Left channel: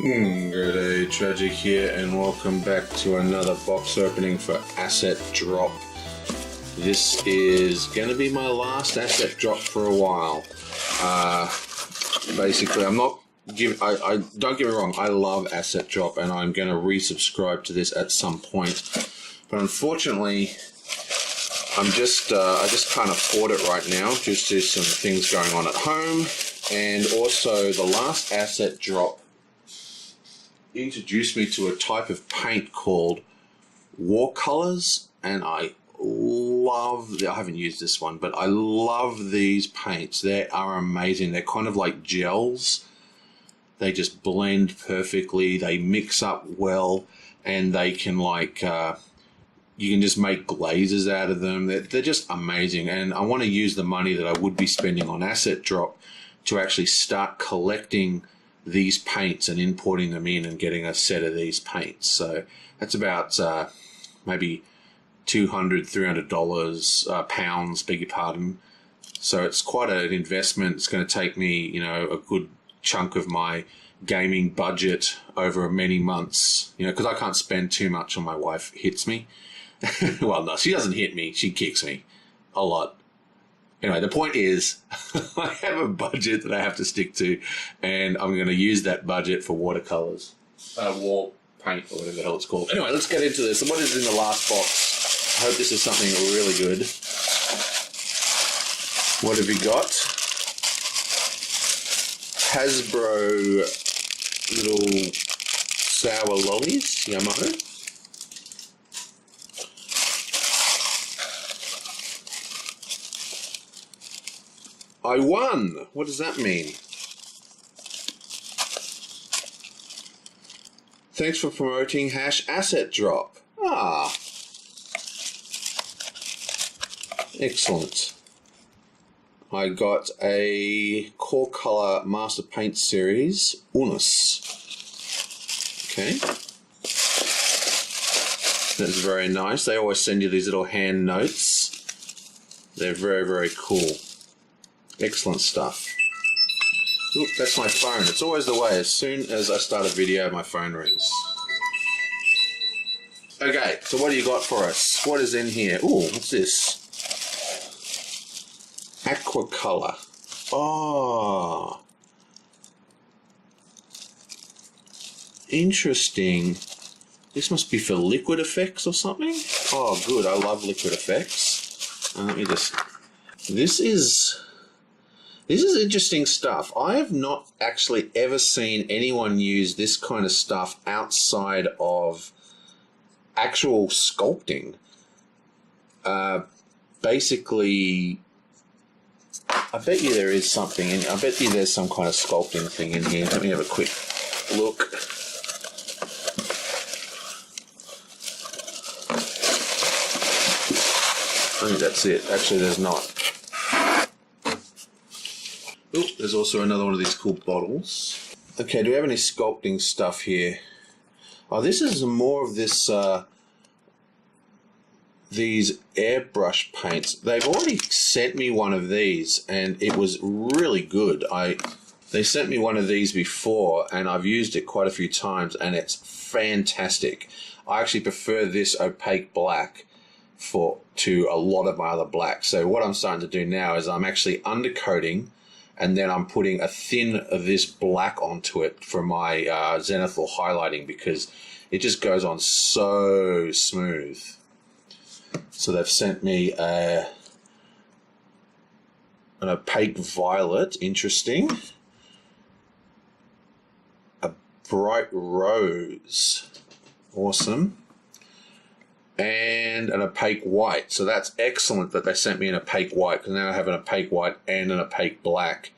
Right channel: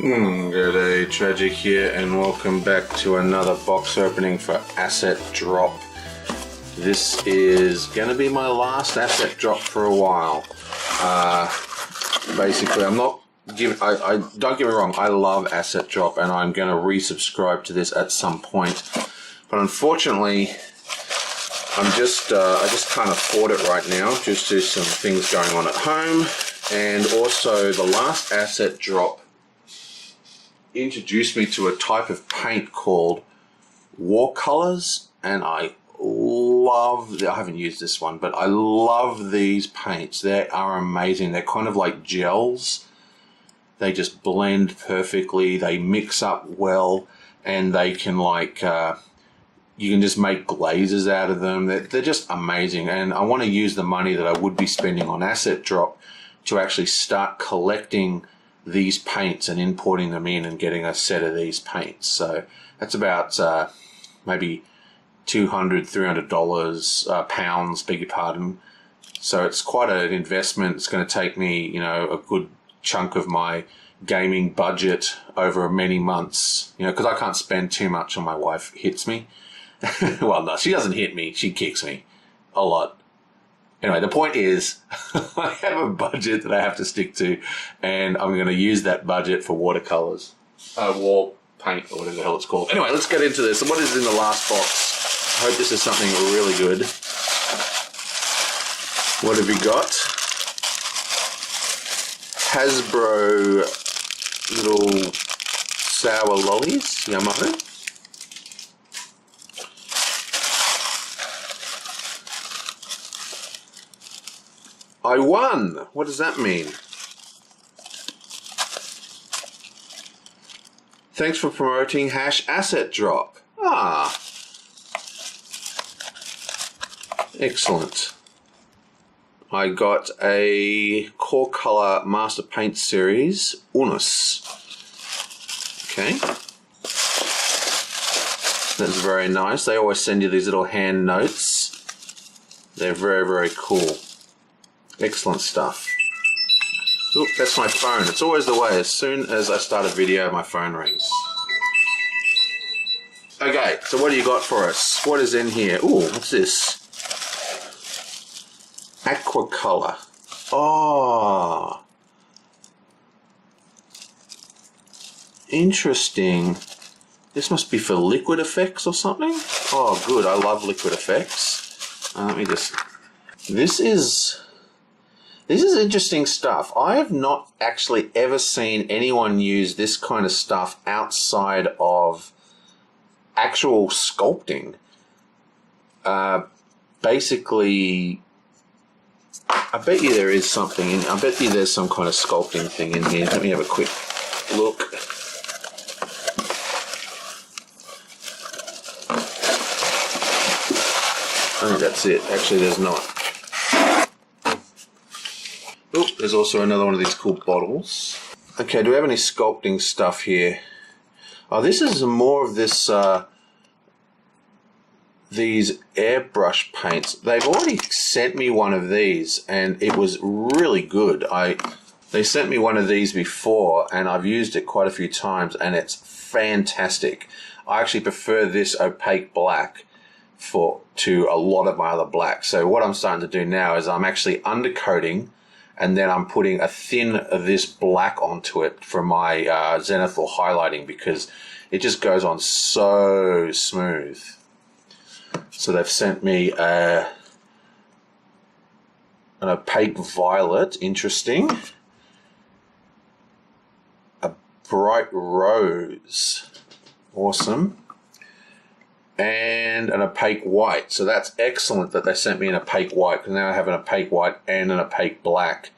Good day, Tragic here, and welcome back to another box opening for Asset Drop. This is going to be my last Asset Drop for a while. Basically, I'm not giving. I don't get me wrong. I love Asset Drop, and I'm going to resubscribe to this at some point. But unfortunately, I just can't afford it right now. Just there's some things going on at home, and also the last Asset Drop introduced me to a type of paint called watercolors, and I haven't used this one, but I love these paints. They are amazing. They're kind of like gels. They just blend perfectly, they mix up well, and they can you can just make glazes out of them. They're just amazing, and I want to use the money that I would be spending on Asset Drop to actually start collecting these paints and importing them in and getting a set of these paints. So that's about maybe $200-300 pounds, beg your pardon. So it's quite an investment. It's going to take me, a good chunk of my gaming budget over many months, because I can't spend too much on my wife. Hits me. Well, no, she doesn't hit me. She kicks me a lot. Anyway, the point is, I have a budget that I have to stick to, and I'm going to use that budget for watercolors, wall paint, or whatever the hell it's called. Anyway, let's get into this. And what is in the last box? I hope this is something really good. What have you got? Hasbro little sour lollies, yummo. I won! What does that mean? Thanks for promoting #Asset Drop. Ah. Excellent. I got a Core Color Master Paint Series Unus. Okay. That's very nice. They always send you these little hand notes. They're very, very cool. Excellent stuff. Oop, that's my phone. It's always the way. As soon as I start a video, my phone rings. Okay, so what do you got for us? What is in here? Ooh, what's this? Aquacolor. Oh. Interesting. This must be for liquid effects or something? Oh, good. I love liquid effects. Let me just... This is interesting stuff. I have not actually ever seen anyone use this kind of stuff outside of actual sculpting. Basically, I bet you there is something I bet you there's some kind of sculpting thing in here. Let me have a quick look. I think that's it. Actually, there's not. Oh, there's also another one of these cool bottles. Okay, do we have any sculpting stuff here? Oh, this is more of this, these airbrush paints. They've already sent me one of these, and it was really good. They sent me one of these before, and I've used it quite a few times, and it's fantastic. I actually prefer this opaque black to a lot of my other blacks. So what I'm starting to do now is I'm actually undercoating, and then I'm putting a thin of this black onto it for my zenithal highlighting, because it just goes on so smooth. So they've sent me an opaque violet, interesting. A bright rose, awesome. And an opaque white. So that's excellent that they sent me an opaque white, because now I have an opaque white and an opaque black,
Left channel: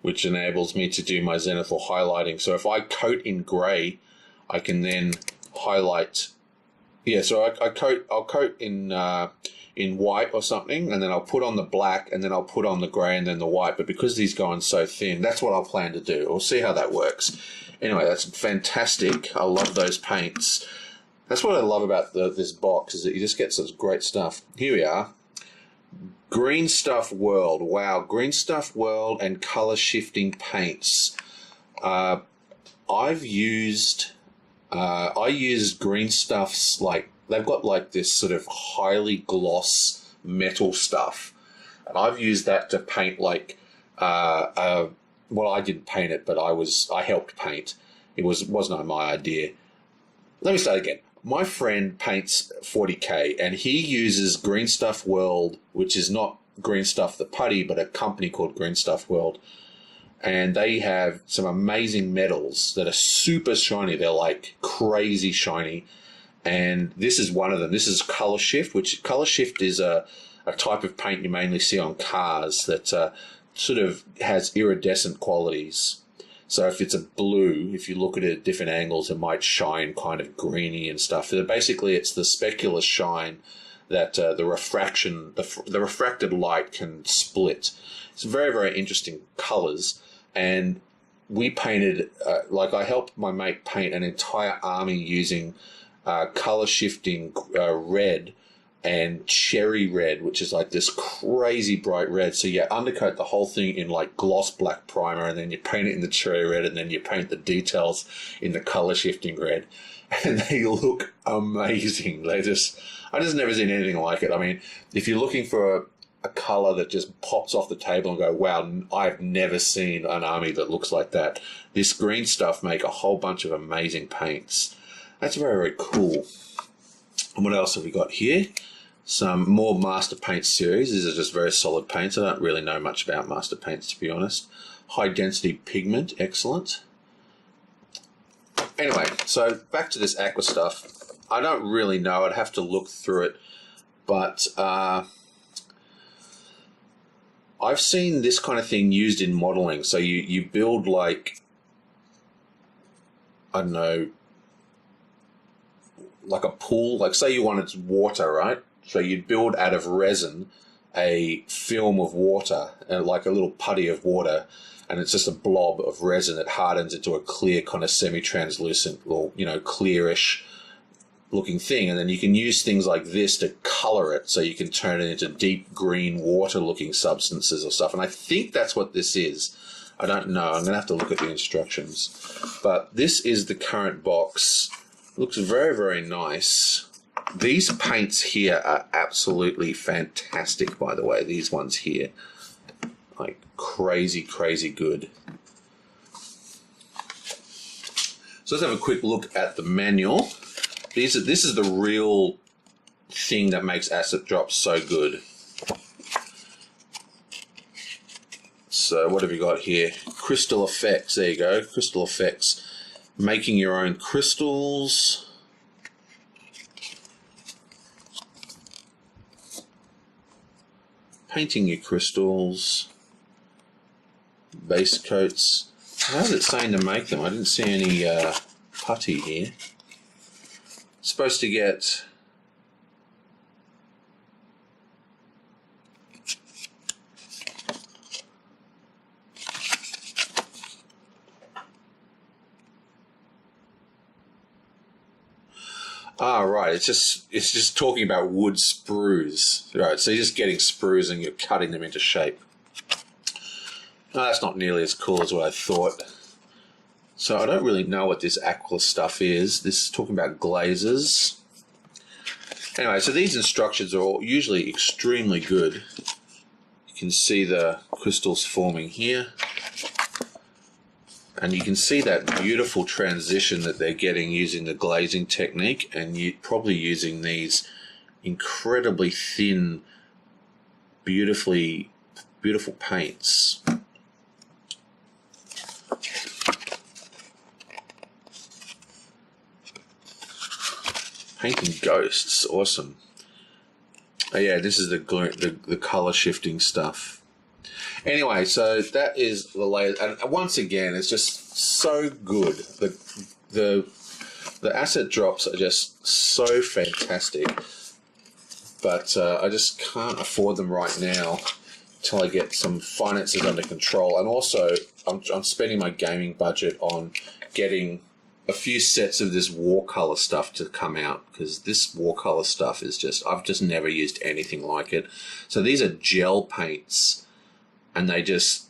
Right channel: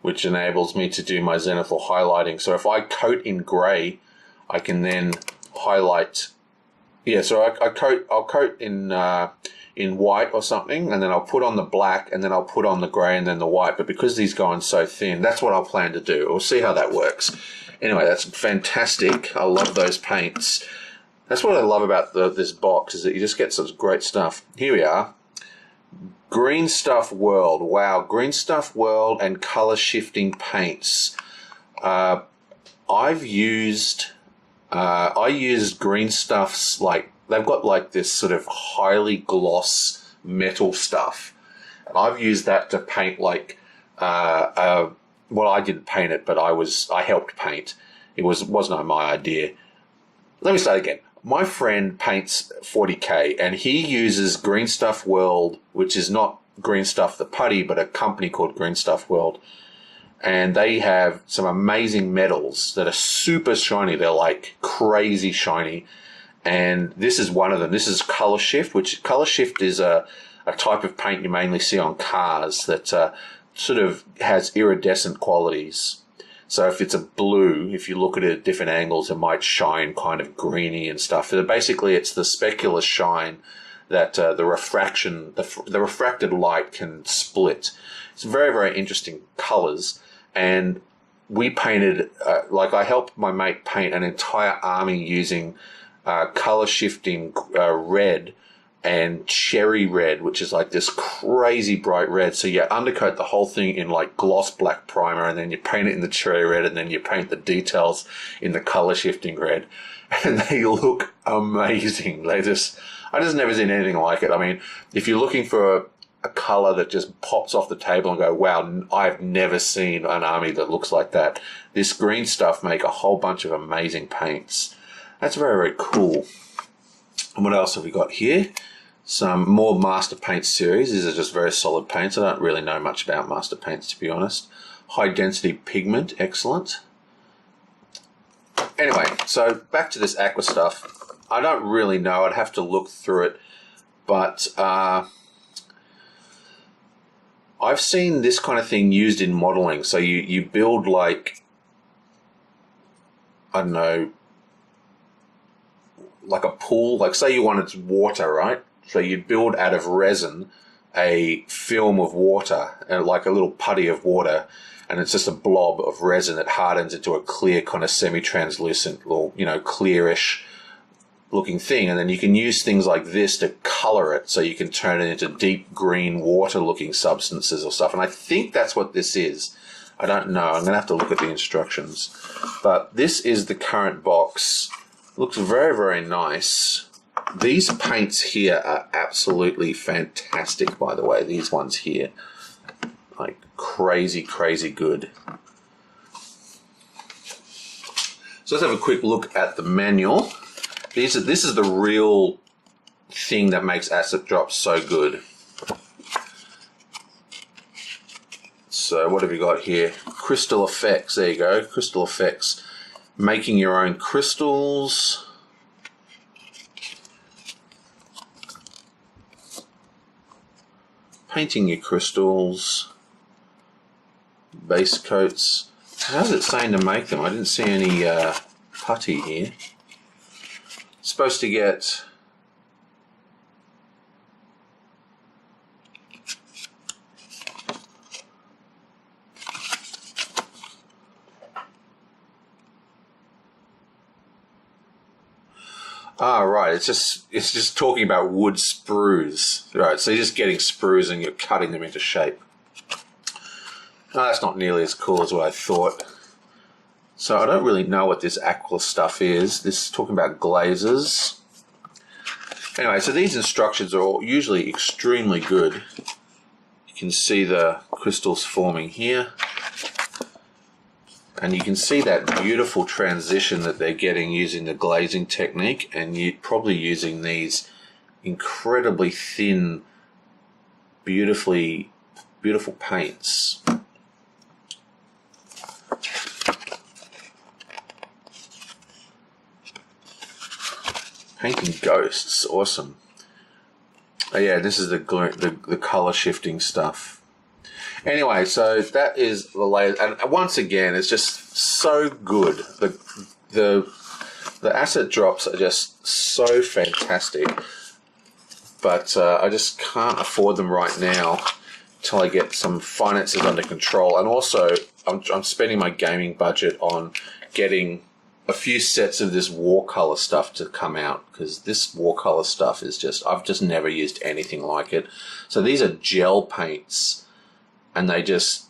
which enables me to do my zenithal highlighting. So if I coat in grey, I can then highlight. Yeah, so I'll coat in white or something, and then I'll put on the black, and then I'll put on the grey and then the white. But because these go on so thin, that's what I'll plan to do. We'll see how that works. Anyway, that's fantastic. I love those paints. That's what I love about this box, is that you just get such great stuff. Here we are. Green Stuff World. Wow, Green Stuff World and color shifting paints. I've used, I used Green Stuff's, like, they've got like this sort of highly gloss metal stuff. And I've used that to paint like, well, I didn't paint it, but I helped paint. It wasn't my idea. Let me start again. My friend paints 40K, and he uses Green Stuff World, which is not Green Stuff the putty, but a company called Green Stuff World. And they have some amazing metals that are super shiny. They're like crazy shiny. And this is one of them. This is Color Shift, which Color Shift is a type of paint you mainly see on cars that sort of has iridescent qualities. So if it's a blue, if you look at it at different angles, it might shine kind of greeny and stuff. So basically, it's the specular shine that the refracted light can split. It's very, very interesting colors. And we painted, like I helped my mate paint an entire army using color shifting red and cherry red, which is like this crazy bright red. So you undercoat the whole thing in like gloss black primer, and then you paint it in the cherry red, and then you paint the details in the color shifting red. And they look amazing. I just never seen anything like it. I mean, if you're looking for a color that just pops off the table and go, wow, I've never seen an army that looks like that. This Green Stuff make a whole bunch of amazing paints. That's very, very cool. And what else have we got here? Some more Master Paint series. These are just very solid paints. I don't really know much about Master Paints, to be honest. High density pigment, excellent. Anyway, so back to this aqua stuff. I don't really know. I'd have to look through it. But I've seen this kind of thing used in modeling. So you build like, I don't know, like a pool. Like say you wanted water, right? So you'd build out of resin a film of water, and like a little putty of water, and it's just a blob of resin that hardens into a clear kind of semi-translucent or, you know, clearish looking thing. And then you can use things like this to color it, so you can turn it into deep green water looking substances or stuff. And I think that's what this is. I don't know. I'm going to have to look at the instructions. But this is the current box. Looks very, very nice. These paints here are absolutely fantastic, by the way. These ones here. Like crazy, crazy good. So let's have a quick look at the manual. This is the real thing that makes Asset Drop so good. So what have you got here? Crystal effects. There you go. Crystal effects. Making your own crystals. Painting your crystals. Base coats. How's it saying to make them? I didn't see any putty here. Supposed to get right, it's just talking about wood sprues. Right, so you're just getting sprues and you're cutting them into shape. No, that's not nearly as cool as what I thought. So I don't really know what this aqua stuff is. This is talking about glazes. Anyway, so these instructions are all usually extremely good. You can see the crystals forming here. And you can see that beautiful transition that they're getting using the glazing technique, and you're probably using these incredibly thin, beautiful paints. Painting ghosts, awesome. Oh yeah, this is the color shifting stuff. Anyway, so that is the layer, and once again, it's just so good. The asset drops are just so fantastic, but I just can't afford them right now until I get some finances under control. And also, I'm spending my gaming budget on getting a few sets of this watercolor stuff to come out, because this watercolor stuff is just, I've just never used anything like it. So these are gel paints, and they just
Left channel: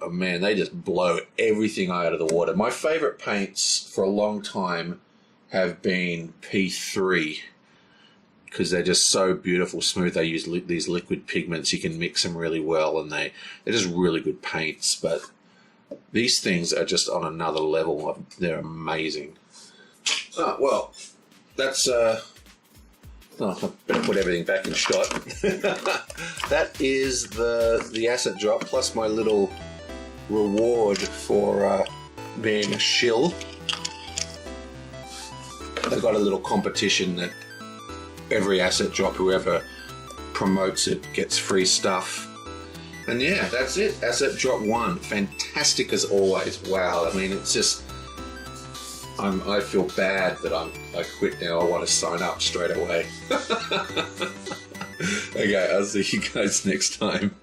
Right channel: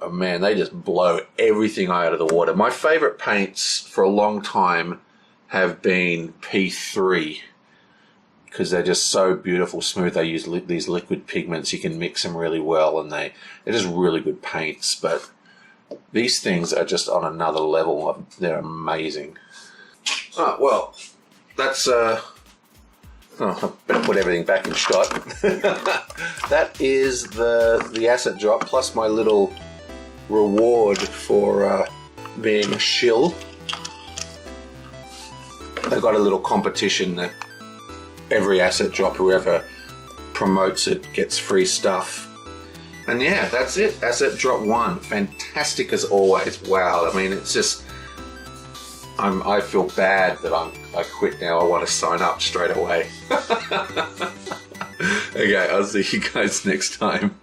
oh man, they just blow everything out of the water. My favorite paints for a long time have been P3 because they're just so beautiful, smooth. They use these liquid pigments. You can mix them really well, and they're just really good paints. But these things are just on another level. They're amazing. Oh, well, that's... I better put everything back in shot. That is the asset drop plus my little reward for being a shill. They've got a little competition that every asset drop, whoever promotes it gets free stuff. And yeah, that's it. Asset drop 1. Fantastic as always. Wow. I mean, it's just... I feel bad that I quit now. I want to sign up straight away. Okay, I'll see you guys next time.